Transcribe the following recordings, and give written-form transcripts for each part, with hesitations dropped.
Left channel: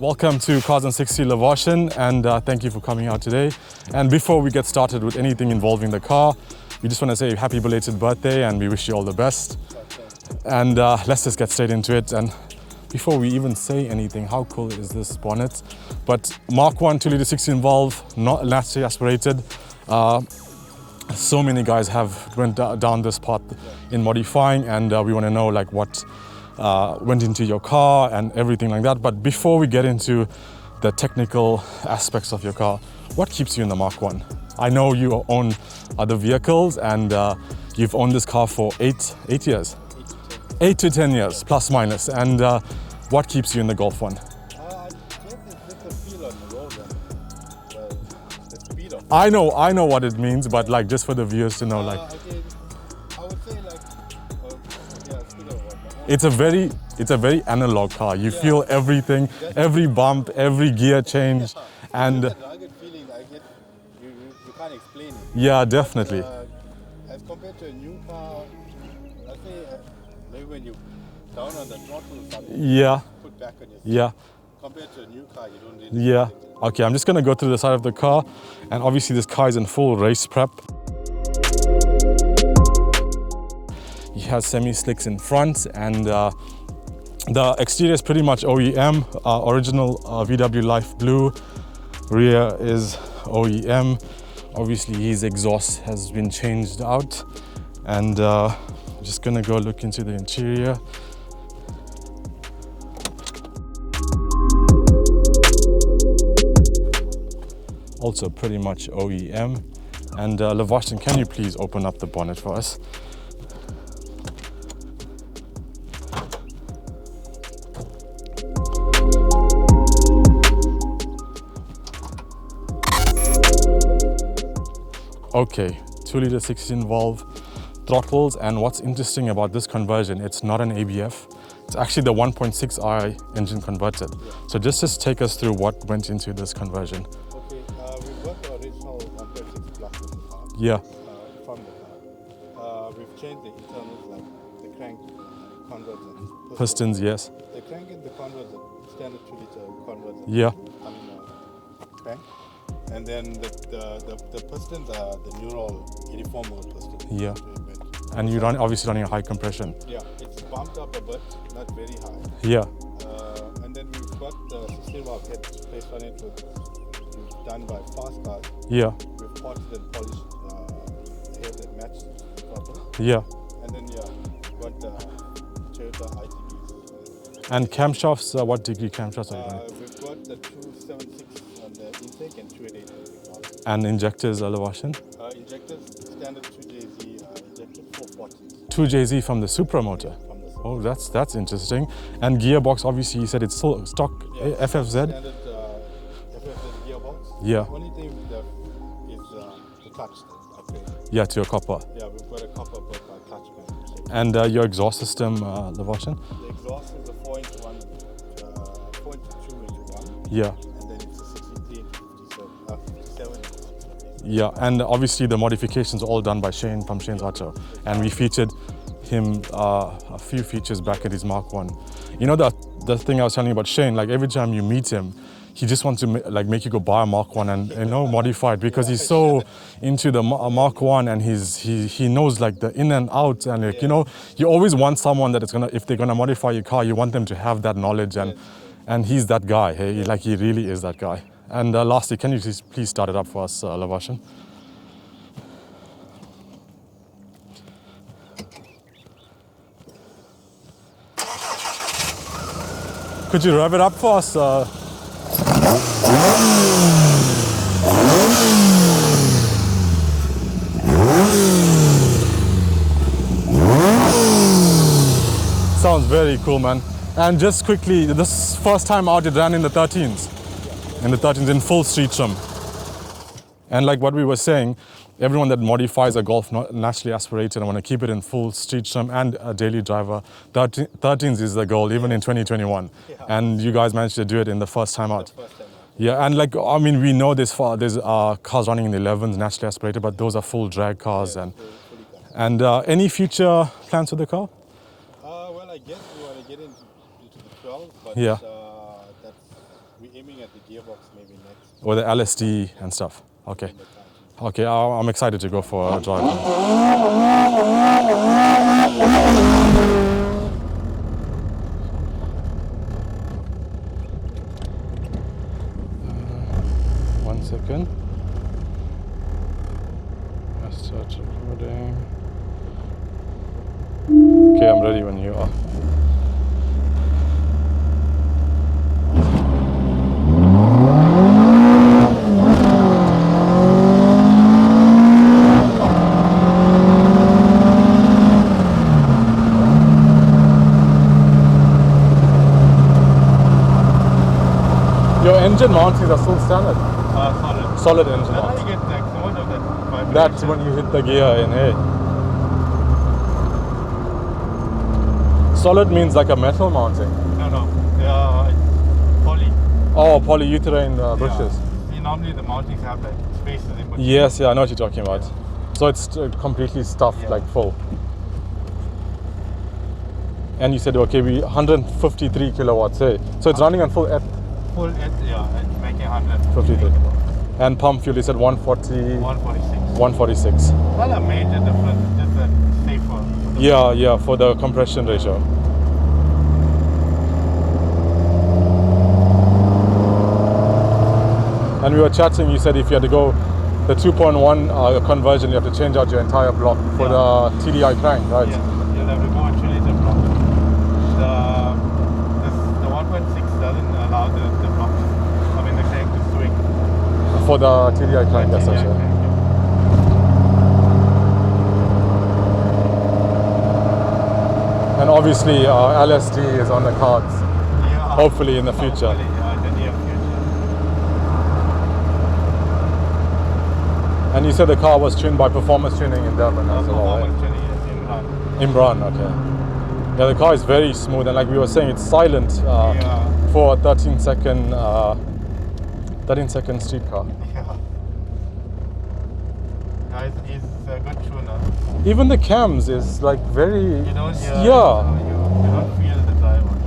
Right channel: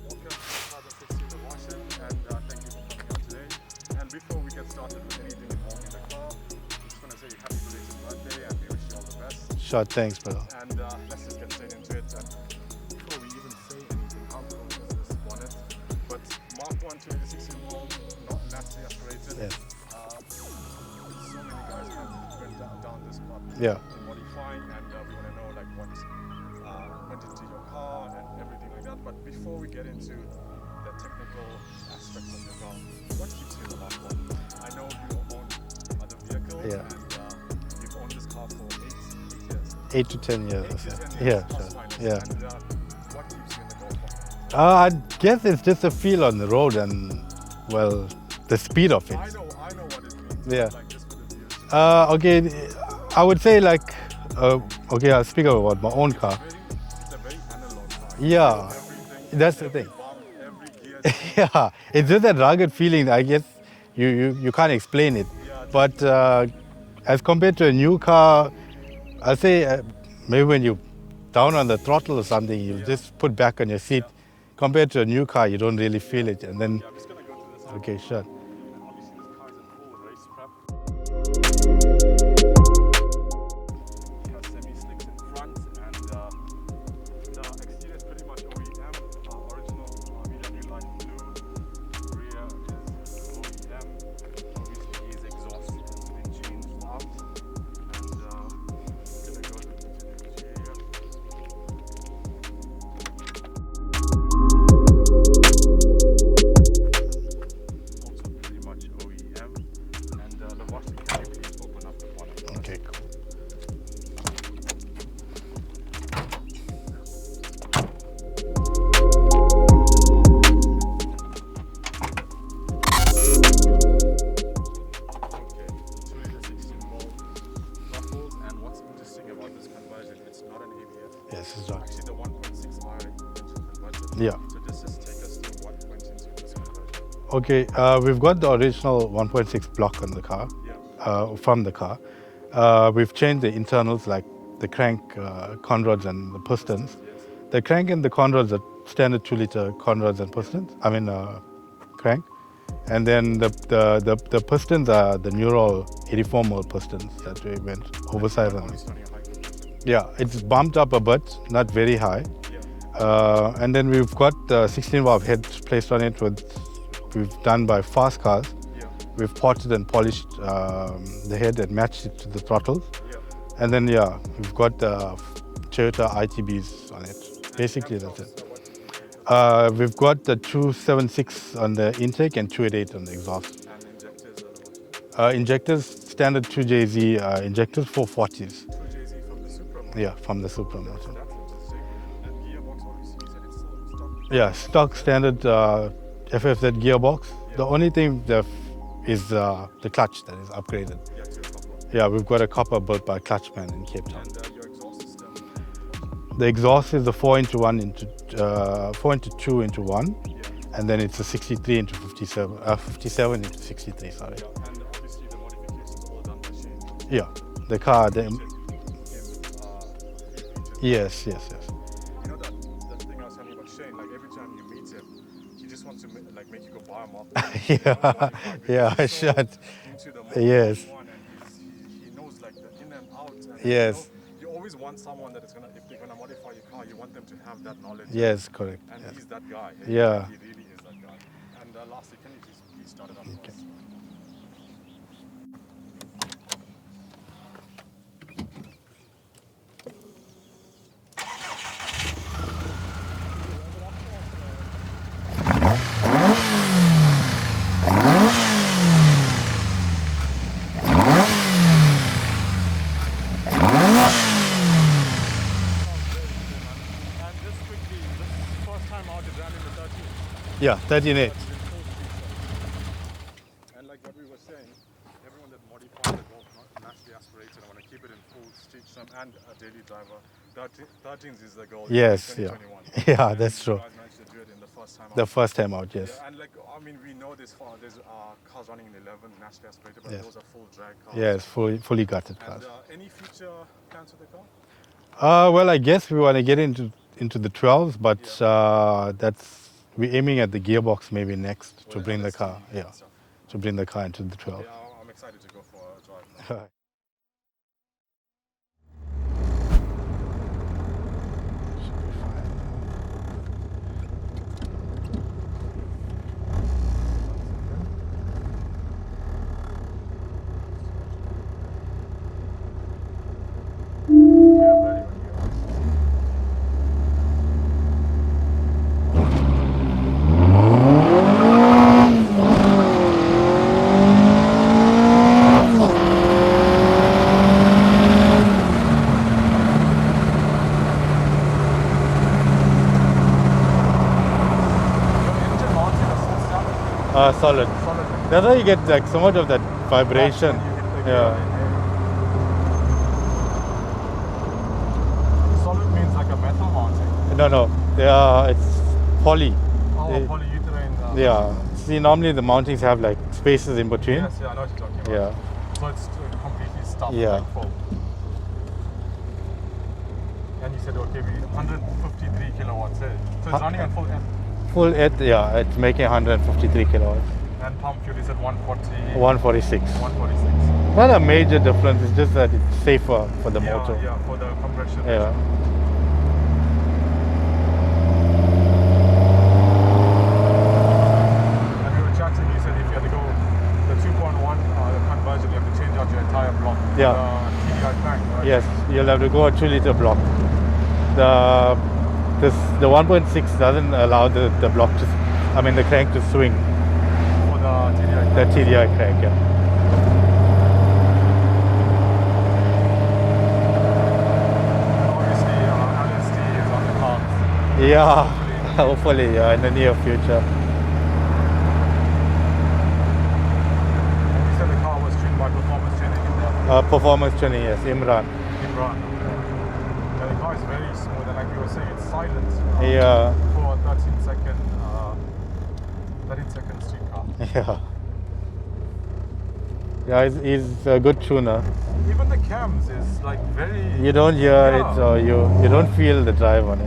Welcome to Cars and 60 Lavashan, and thank you for coming out today. And before we get started with anything involving the car, we just want to say happy belated birthday and we wish you all the best. Sure, thanks, brother. And let's just get straight into it. And before we even say anything, how cool is this bonnet? But Mk1 2-litre 16 valve, not naturally aspirated. Yeah. So many guys have went down this path in modifying, and we want to know like what went into your car and everything like that. But before we get into the technical aspects of your car, what keeps you in the Mk1? I know you own other vehicles, and you've owned this car for 8 years. 8 to 10 years. 8 to 10 years, Yeah. plus minus. Yeah. And what keeps you in the Golf 1? I guess it's just a feel on the road and, well, the speed of it. I know what it means, but Yeah. like just for the viewers to know. Okay, I would say like, okay, I'll speak about my own It's car. a very analog car. You Yeah. feel everything, That's the every bump, every gear change. Yeah, it's and just that rugged feeling. I guess you can't explain it. Yeah, definitely. But as compared to a new car, I'll say maybe when you down on the throttle or something, you Yeah. just put back on your seat. Yeah. Compared to a new car, you don't really feel it. And then, Okay, I'm just gonna go through the side of the Okay, car, sure. and obviously this car is in full race prep. He has semi-slicks in front, and the exterior is pretty much OEM, original VW Life Blue. Rear is OEM. Obviously his exhaust has been changed out, and I'm just gonna go look into the interior. Also pretty much OEM. And Lavashan, can you please open up the bonnet for us? Okay, 2-litre 16 valve throttles, and what's interesting about this conversion, it's not an ABF. Yes, It's actually the 1.6i engine converted. Yeah. So just take us through what went into this conversion. Okay, we've got the original 1.6 block on the car, Yeah, from the car. We've changed the internals like the crank, conrods and the pistons. pistons, yes. The crank and the conrods are standard 2-litre conrods and Yeah. pistons. I mean, crank. And then the pistons are the Neural 84 mil pistons. Yeah. That we went And oversized you're on. obviously running a high compression. Yeah, it's bumped up a bit, not very high. Yeah, And then we've got the 16 valve head placed on it we've done by Fast Cars. yeah, We've potted and polished the head and matched it to the throttle. yeah. And then, yeah, we've got the Toyota ITBs on it. And Basically, camshafts, what degree camshafts? we've got the 276 on the intake and 288 on the exhaust. And injectors, Lavashan? Injectors, standard 2JZ injectors, 440s. 2JZ from the Supra motor? Yeah, from the Super. Oh, that's interesting. And gearbox, obviously you said it's still stock Yeah, stock FFZ? standard FFZ gearbox. Yeah. The only thing that is the clutch that is upgraded. Yeah, to a copper. Yeah, we've got a copper built by Clutchman in Cape Town. And your exhaust system, Lavashan? The exhaust is the 4x1 into 4x2 into 1, Yeah, and then it's a 63 into 57, 57 into 63. Sorry. yeah. And obviously the modifications are all done by Shane from Shane Yeah, Auto. the car And we then- featured him a few features back Yes, at his yes, Mk1. You know the thing I was telling you about Shane, like every time you meet him, he just wants to make you go buy a Mk1 and you know, modify it, because Yeah, he's so sure. into the Yes. Mk1, and he knows like the in and out, and like, you Yes. know, you always want someone that is gonna, if they're gonna modify your car, you want them to have that knowledge. And, Yes, correct. And he's that guy. Hey, Yeah. like he really is that guy. And lastly, can you please start it up for us, Lavashan? Could you rev it up for us? Sounds very cool, man. And just quickly, this first time out, it ran in the 13s. Yeah, And the 13s in full street trim. And like what we were saying, everyone that modifies a Golf naturally aspirated and want to keep it in full street trim and a daily driver, 13s is the goal, even in Yes, yeah. 2021. Yeah, and that's you true. guys managed to do it in the first time out. The first time out, yes. Yeah, and like, I mean, we know there's cars running in the 11s, naturally aspirated, but those are full drag cars. Yes, and fully gutted. and any future plans for the car? Well, I guess we want to get into the 12s, but Yeah. we're aiming at the gearbox maybe next. Or the to bring LSD car, yeah, and stuff. to Okay. bring the car into the trail. Okay, I'm excited to go for a drive. One second. Let's start recording. Okay, I'm ready when you are. Your engine mountings are still standard. Solid. Solid engine. That's why you get like somewhat of that vibration. That's when you hit the gear in here. Solid means like a metal mounting. No. It's poly. Oh, polyurethane bushes. See, normally the mountings have like spaces in between. Yes, I know what you're talking about. Yeah. So it's completely stuffed, like full. And you said, okay, we 153 kilowatts, eh? So it's running on full F. Full it's making 153 kilowatts. And pump fuel, you said 140... 146. 146. Not a major difference, it's just that it's safer for the motor. Yeah, for the compression ratio. And we were chatting, you said if you had to go the 2.1 conversion, you have to change out your entire block for the TDI crank, right? Yes, you'll have to go a 2-liter block. The 1.6 doesn't allow the block to, the crank to swing. For the TDI crank. The TDI crank, yeah. And obviously LSD is on the cards. Yeah. Hopefully in the future. Hopefully, in the near future. And you said the car was tuned by Performance Tuning in Durban. Performance tuning, yes, Imran. Imran, okay. Yeah, the car is very smooth, and like we were saying, it's silent for a 13-second street car. Yeah, he's a good tuner. Even the cams is like very... You don't hear it, or you don't feel the drive on it.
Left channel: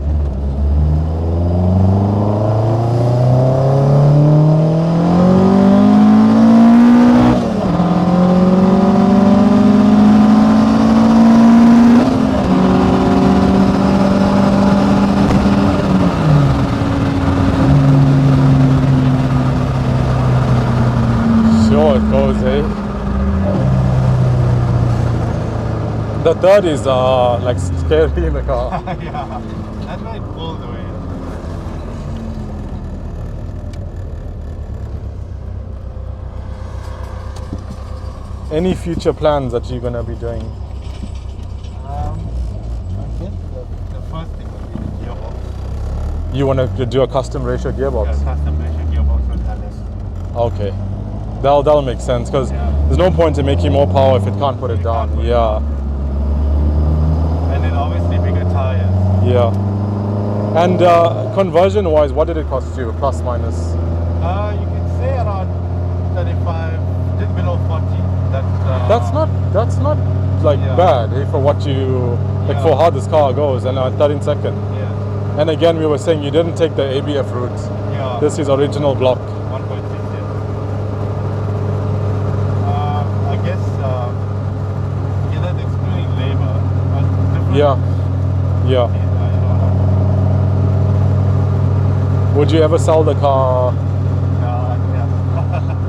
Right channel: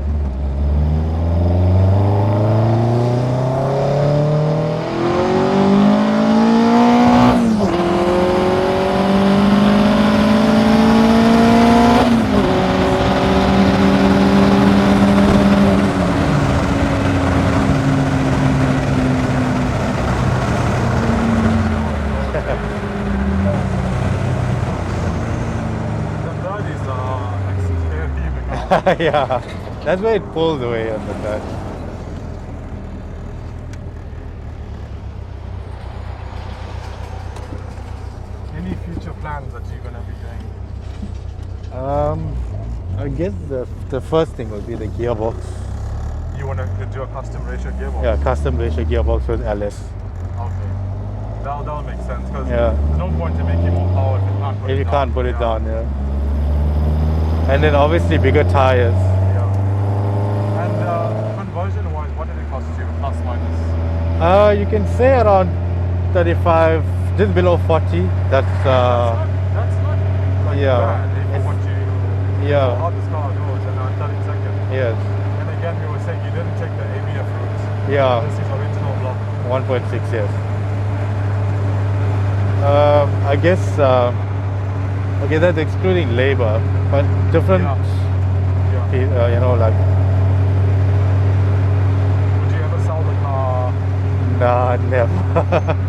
The third is like scary in the car. Yeah, that's where it pulls away at the third. Any future plans that you're gonna be doing? I guess the first thing will be the gearbox. You want to do a custom ratio gearbox? Yeah, custom ratio gearbox with LS. Okay. That'll make sense, because there's no point in making more power if it can't put it down. You can't put it down, And then obviously bigger tires. Yeah. And conversion-wise, what did it cost you, plus minus? You can say around 35, just below 40. That's not like bad for what you for how this car goes, and 13 seconds. Yes. And again, we were saying you didn't take the ABF route. Yeah. This is original block. 1.6, yes. I guess, okay, that's excluding labor, but different. Yeah. Like. Would you ever sell the car? Nah, never.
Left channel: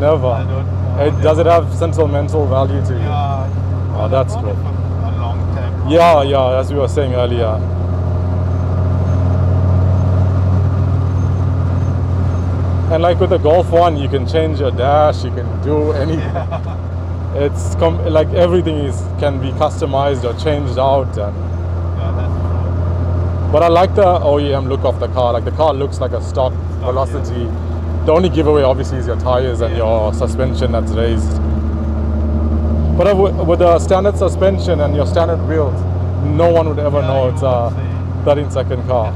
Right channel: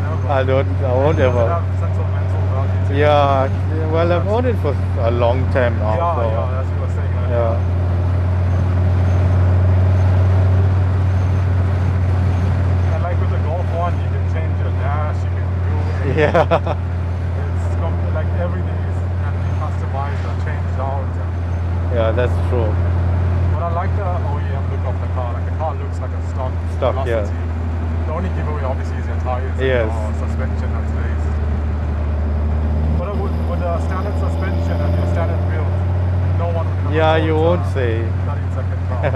Never. I won't. Does it have sentimental value to you? Yeah. Well, I've owned it for a long time now. Yeah, as we were saying earlier. Yeah. And like with the Golf 1, you can change your dash, you can do anything. Yeah. It's like everything can be customized or changed out. Yeah, that's true. But I like the OEM look of the car. Like the car looks like a stock Velocity. Yeah. The only giveaway obviously is your tires and your suspension that's raised. But with the standard suspension and your standard wheels, no one would ever know it's a 13-second car.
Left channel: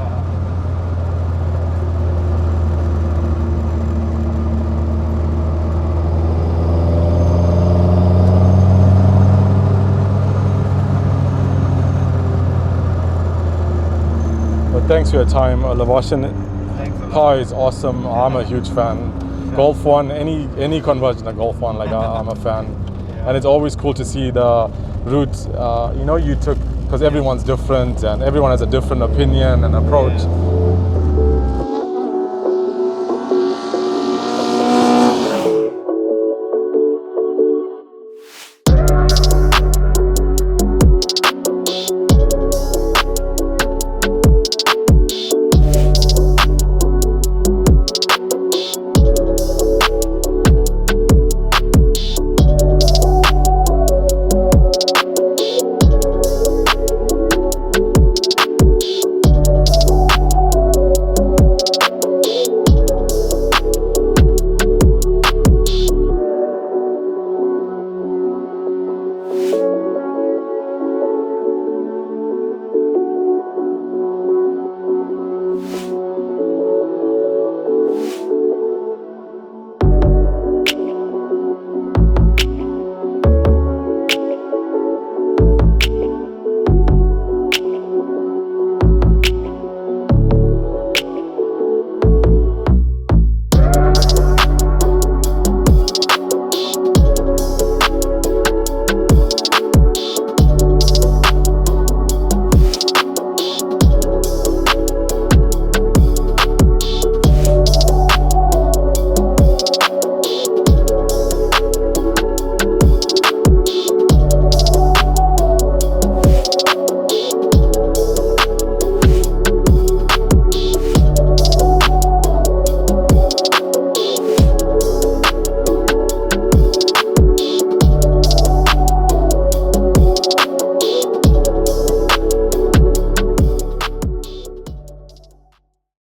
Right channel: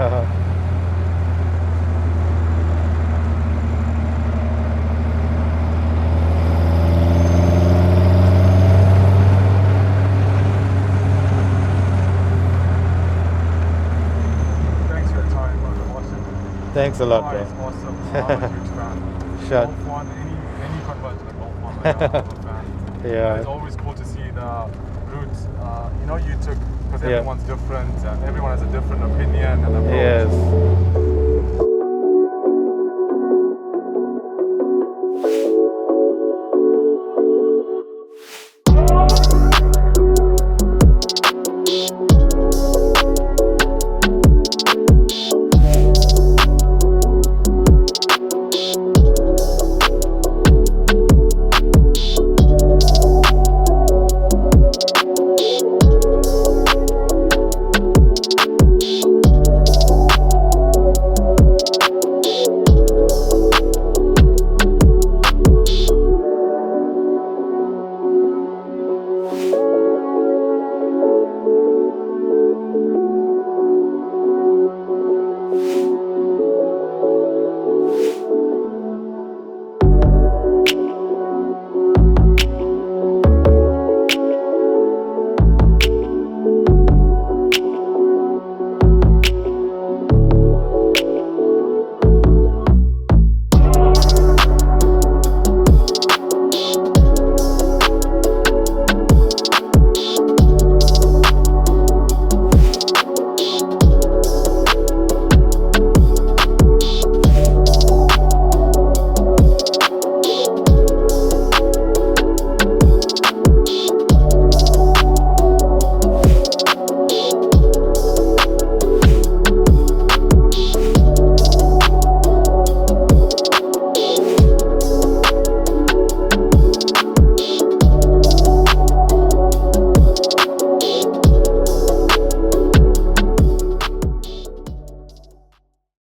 Thanks for your time, Lavashan. Thanks a lot. Car is awesome. I'm a huge fan. Sure. Golf 1, any conversion of Golf 1, like I'm a fan. Yeah. And it's always cool to see the route you took, because everyone's different and everyone has a different opinion and approach. Yes.